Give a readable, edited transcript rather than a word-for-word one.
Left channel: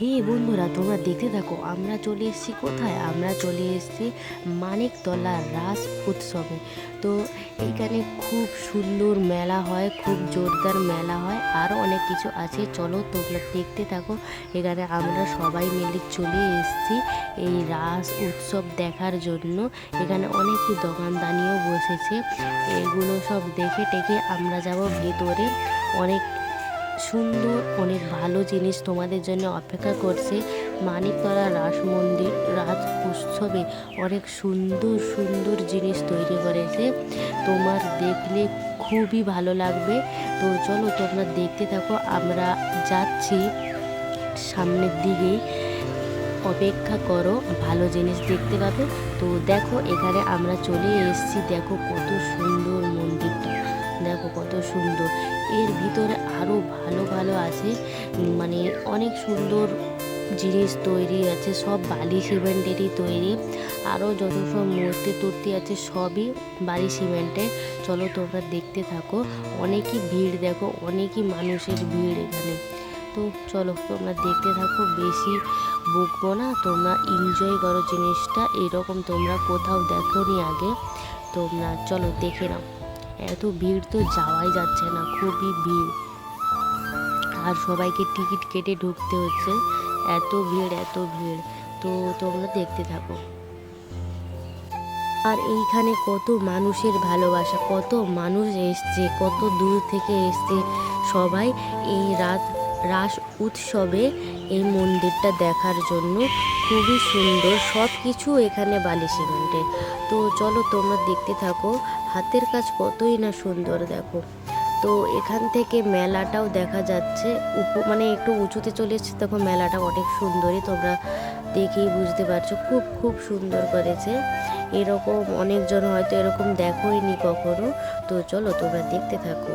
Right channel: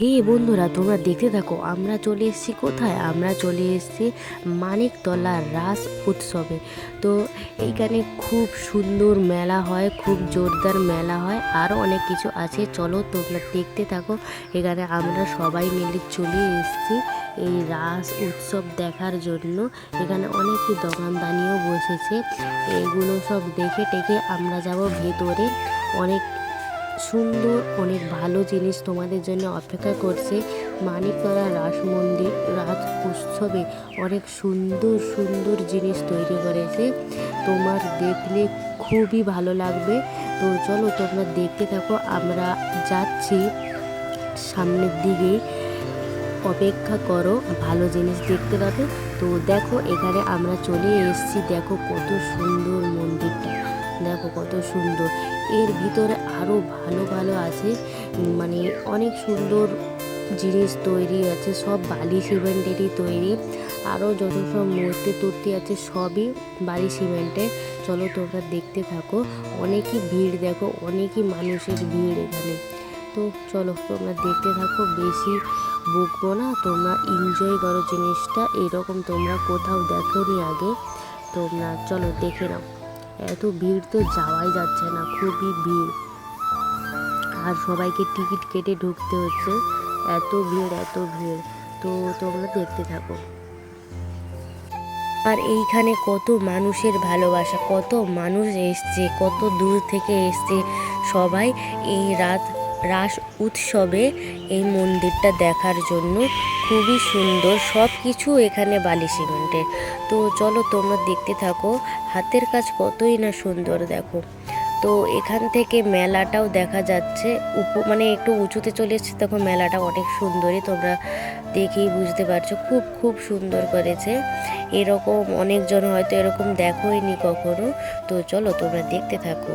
হে বন্ধুরা, তোমরা দেখতে থাকো। আমরা চলে এসেছি কোথায়? আমরা চলে এসেছি মানিকতলা রাস উৎসবে। তো এখানে খুব সুন্দর মেলা হয়, খুব জোরদার মেলা হয়, আরও অনেক কিছু আছে। চলো তোমরা দেখতে থাকো। এখানে আমরা সবাই মিলে চলে এসেছি এই রাস উৎসব দেখার জন্য। এখানে অনেক দোকানদানিও বসেছে। এগুলো সব দেখে টেকে আমরা যাব ভেতরে। অনেক সুন্দর, অনেক ভালো জিনিস তোমাদের জন্য অপেক্ষা করছে। মানিকতলা রাস মন্দির রাস উৎসবে অনেক সুন্দর সুন্দর জিনিস তৈরি করেছে, তোমার দেখলে খুবই ভালো লাগবে। তো চলো তোমরা দেখতে থাকো। আমরা যাচ্ছি সামনের দিকে, অপেক্ষা করো, ভালো জিনিস দেখতে পাবে। তো দেখো এখানে আমরা চলে এসেছি। দেখো কত সুন্দর মন্দিরটা, দেখো কত সুন্দর। এর ভিতরে আরও ভালো ভালো আছে, মানে অনেক সুন্দর জিনিস তৈরি আছে, সব বালি সিমেন্টেরই তৈরি। আরও যত সব মূর্তি টূর্তি আছে সবই বালি সিমেন্টের। চলো তোমরা দেখতে থাকো। অনেকই ভিড়, দেখো অনেকই মানুষের ভিড় এখানে। তো চলো তোমরা দেখতে থাকো, বেশি বকবো না, তোমরা এনজয় করো জিনিসটা। এরকম তোমরা কোথাও দেখোনি আগে, তোমরা চলো দেখে নাও। এত ভিড় তো যাওয়াই যাচ্ছে না, খুবই ভিড়, আর সবাইকে টিকিট কেটে ঢুকতে হচ্ছে। এত ভিড়, এত ভিড়। তো তোমরা দেখতে থাকো। আর এইখানে কত মানুষের ভালোবাসা, কত মানুষ এসছে, কত দূর থেকে এসছে সবাই এই রাস উৎসবে এই মন্দিরটা দেখার জন্য। খুবই সুন্দর, সব কিছু এখানে বালি সিমেন্টের। তো চলো তোমরা দেখতে থাকো। হাতের কাজ কতই না সুন্দর, দেখো। তো এখান থেকে মেলাটাও দেখা যাচ্ছে, মানে একটু উঁচুতে চলে এসেছে, তখন মেলাটা অনেক সুন্দরই, তোমরা দেখেই বুঝতে পারছো। খুব খুব সুন্দর করেছে। এরকম অনেকজন হয়তো এরকম দেখোইনি কখনো। তো চলো তোমরা দেখতে থাকো।